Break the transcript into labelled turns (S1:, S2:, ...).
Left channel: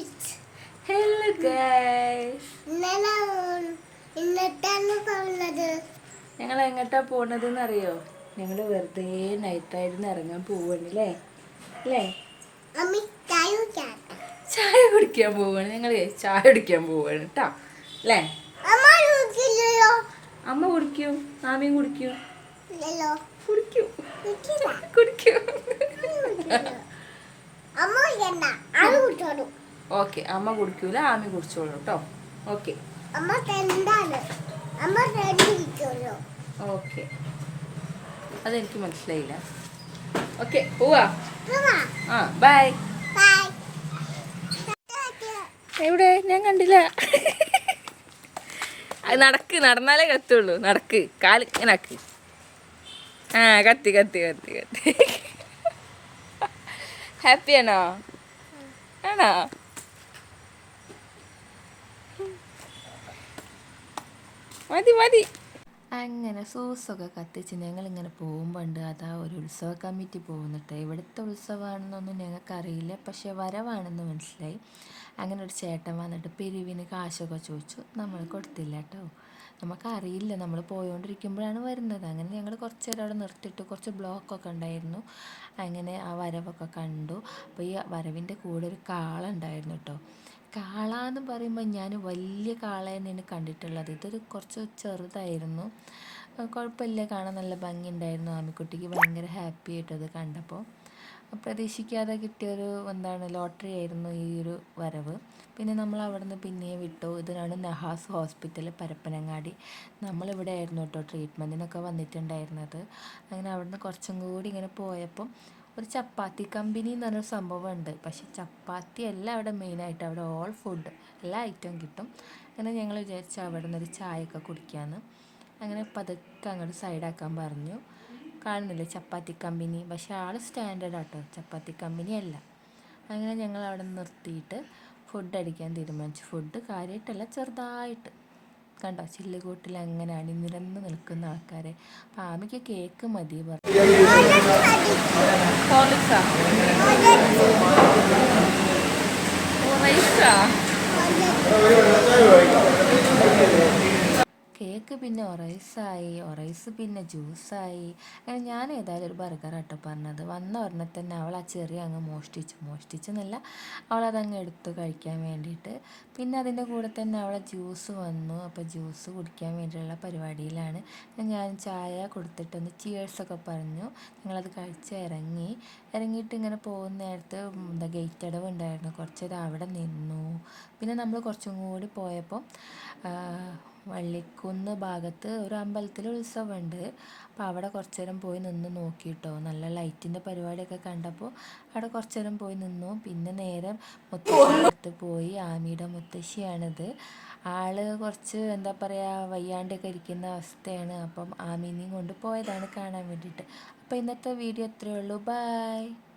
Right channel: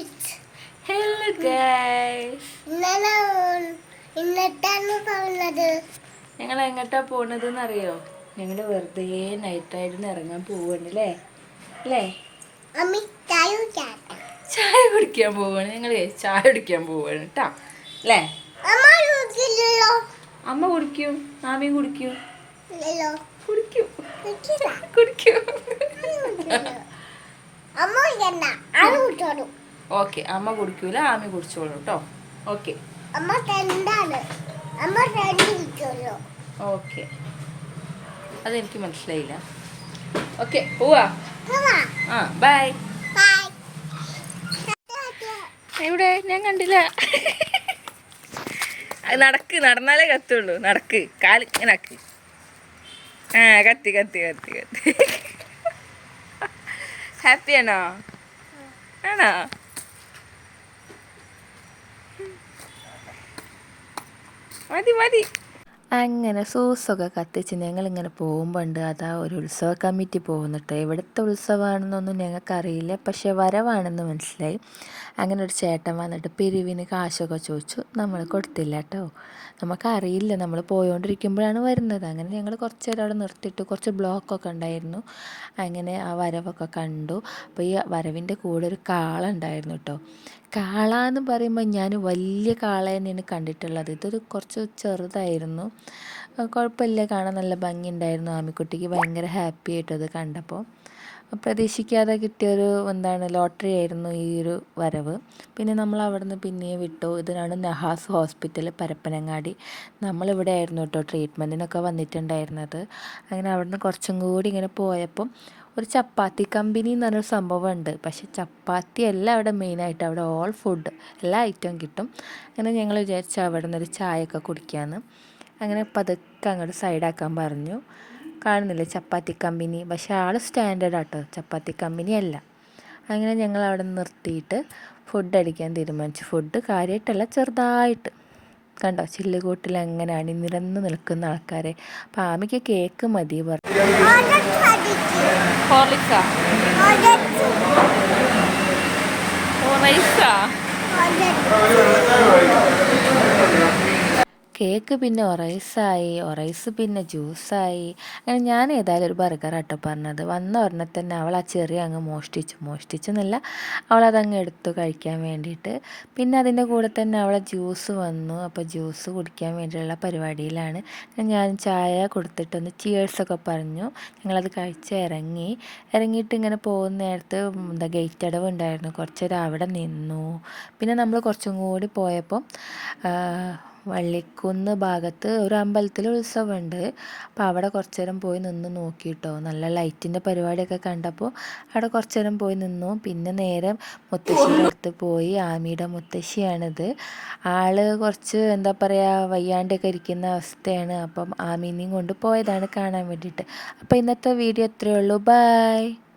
S1: Hello guys
S2: ഇന്നലെ ഇന്നട്ടാണ് പറഞ്ഞത്?
S1: ഞങ്ങൾ എങ്ങോട്ടാ പോണത് എന്നറിയോ ഞങ്ങൾ വെറുതെ നൈറ്റ് നൈറ്റായിരുന്നു ഇറങ്ങാൻ പോവാണ് അല്ലേ?
S2: ചായ കുടിക്കാൻ.
S1: ചായ കുടിക്കാൻ പോവാണ്. ഞങ്ങൾ ചായ കുടിക്കാൻ പോവാണ് കേട്ടാ അല്ലേ?
S2: അമ്മ കുടിക്കില്ലല്ലോ.
S1: അമ്മ കുടിക്കും. മാമിയും കുടിക്കും.
S2: ഇല്ലല്ലോ.
S1: കുടിക്കും. കുടിക്കും.
S2: അമ്മ കുടിക്കണ്ട. ആ കുടിച്ചോളൂ.
S1: ഓക്കെ അമ്മ കുടിക്കൂല ആമി കുടിച്ചോളൂ കേട്ടോ ഓക്കെ. ഓക്കെ. അതെനിക്ക് മനസ്സിലായില്ല. ഓക്കെ പോവാ. ആ ബൈ എവിടെ? ഞാൻ കണ്ടില്ല. നടക്ക് നടന്നാലേ കത്തുള്ളൂ. നടക്ക് കാൽ ഇങ്ങനെ ആക്ക്. ആ കത്തി കത്തി കത്തി കത്തി. ഹാപ്പിയാണോ ആണോ? മതി മതി. അങ്ങനെ സൂസൊക്കെ കത്തിച്ച് ഞങ്ങൾ ഇങ്ങനെ പോകുമ്പോണ്ട് അതാ ഒരു ഉത്സവ കമ്മിറ്റി പോകുന്നിട്ട് എവിടുത്തെ ഉത്സവമാണെന്നൊന്നും ഞങ്ങൾക്കറിയില്ല. പക്ഷേ വരവാണെന്ന് മനസ്സിലായി. അങ്ങനെ ഒരു ചേട്ടൻ വന്നിട്ട് പിരിവിന് കാശൊക്കെ ചോദിച്ചു. നമ്മൾ കൊടുത്തില്ല കേട്ടോ നമുക്കറിയില്ല. നമ്മൾ പോയോണ്ടിരിക്കുമ്പോഴാണ് വരുന്നത്. അങ്ങനെ ഞങ്ങൾ കുറച്ച് നേരം അവിടെ നിർത്തിയിട്ട് കുറച്ച് ബ്ലോക്കൊക്കെ ഉണ്ടായിരുന്നു. അങ്ങനെ ആ വരവൊക്കെ കണ്ടു. അപ്പോൾ ഈ വരവിന്റെ കൂടെ ഒരു കാളുണ്ടായിരുന്നു കേട്ടോ കാള എന്ന് പറയുമ്പോൾ ഞാൻ വലിയ കാള തന്നെയാണ് കണ്ടിട്ടുള്ളത്. ഇതൊരു കുറച്ച് ചെറുതായിരുന്നു. കുഴപ്പമില്ല. കാണാൻ നല്ല ഭംഗിയുണ്ടായിരുന്നു. ആമിക്കുട്ടിക്ക് ഭയങ്കര ഹാപ്പി ആയിട്ട് അത് കണ്ടപ്പോൾ പ്രതീക്ഷിക്കാതെ കിട്ടിയൊരു എന്താണ് ലോട്ടറി ആയിരുന്നു ഈ ഒരു വരവ്. പിന്നെ നമ്മൾ അവിടെ നിന്ന് പിന്നെയും വിട്ടു. ഇതിനാണ് നഹാസ് ഹോസ്പിറ്റൽ പരപ്പനങ്ങാടി. നമ്മളിവിടെ ആയിരുന്നു കേട്ടോ ട്രീറ്റ്മെന്റിനൊക്കെ വന്നിട്ടുണ്ടായിരുന്നത്. അങ്ങനെ അവിടെ നിന്ന് കുറച്ചും കൂടി ഇങ്ങനെ പോയപ്പം ഒരു ചപ്പാത്തി കമ്പനി എന്ന് പറഞ്ഞൊരു സംഭവമുണ്ട്. പക്ഷെ ചപ്പാത്തി അല്ല അവിടെ മെയിനായിട്ട് അവിടെ ഓൾ ഫുഡ് എല്ലാ ഐറ്റവും കിട്ടും. അങ്ങനെ ഞങ്ങൾ വിചാരിച്ചു അവിടെ നിന്നൊരു ചായയൊക്കെ കുടിക്കാമെന്ന് അങ്ങനെ പതുക്കെ അങ്ങോട്ട് സൈഡാക്കാൻ പറഞ്ഞു. കാണുന്നില്ല ചപ്പാത്തി കമ്പനി? പക്ഷെ ആൾ സ്റ്റാൻഡേർഡ് ആട്ടോ. ചപ്പാത്തി കമ്പനി അല്ല. അങ്ങനെ ഞങ്ങൾ അവിടെ നിർത്തിയിട്ട് ഫുഡ് അടിക്കാൻ തീരുമാനിച്ചു. ഫുഡ് കാര്യമായിട്ടല്ല ചെറുതായിട്ട്. കണ്ടോ? ചില്ലുകൂട്ടിൽ അങ്ങനെ അണിനിരന്ന് നിൽക്കുന്ന ആൾക്കാരെ. അപ്പം ആമിക്ക് കേക്ക് മതി പറഞ്ഞു. കേക്ക് പിന്നെ ഒറൈസായി ഒറൈസ് പിന്നെ ജ്യൂസായി. അങ്ങനെ ഞാൻ ഏതായാലും ഒരു ബർഗർ ആട്ടോ പറഞ്ഞത്. വന്ന ഉടനെ തന്നെ അവൾ ആ ചെറിയ അങ്ങ് മോഷ്ടിച്ചു. മോഷ്ടിച്ചെന്നല്ല അതങ്ങ് എടുത്തു കഴിക്കാൻ വേണ്ടിയിട്ട്. പിന്നെ അതിന്റെ കൂടെ തന്നെ അവളെ ജ്യൂസ് വന്നു. അപ്പോൾ ജ്യൂസ് കുടിക്കാൻ വേണ്ടിയുള്ള പരിപാടിയിലാണ്. ഞാൻ ചായ കൊടുത്തിട്ടൊന്ന് ചിയേഴ്സൊക്കെ പറഞ്ഞു. ഞങ്ങളത് കഴിച്ച് ഇറങ്ങി. ഇറങ്ങിയിട്ട് ഇങ്ങനെ പോകുന്ന നേരത്ത് എന്താ ഗേറ്റ് അടവ് ഉണ്ടായിരുന്നു. കുറച്ചേരം അവിടെ നിന്നു. പിന്നെ നമ്മൾ കുറച്ചും കൂടി പോയപ്പം വള്ളിക്കുന്ന് ഭാഗത്ത് ഒരു അമ്പലത്തിൽ ഉത്സവമുണ്ട്. അപ്പോൾ അവിടെ കുറച്ച് നേരം പോയി നിന്ന് നോക്കിയിട്ടോ നല്ല ലൈറ്റിന്റെ പരിപാടിയൊക്കെ കണ്ടപ്പോൾ അവിടെ കുറച്ച് നേരം പോയി നിന്നു. പിന്നെ നേരെ മുത്തശ്ശിയുടെ അടുത്ത് പോയി. ആമിയുടെ മുത്തശ്ശിയാണിത്. ആൾ കുറച്ച് എന്താ പറയുക വയ്യാണ്ടൊക്കെ ഇരിക്കുന്ന അവസ്ഥയാണ്. അപ്പം ആമീനെയും കൊണ്ട് പോയതാണ് കാണാൻ വേണ്ടിയിട്ട്. അപ്പോൾ ഇന്നത്തെ വീഡിയോ ഇത്രയേ ഉള്ളൂ. ബൈ.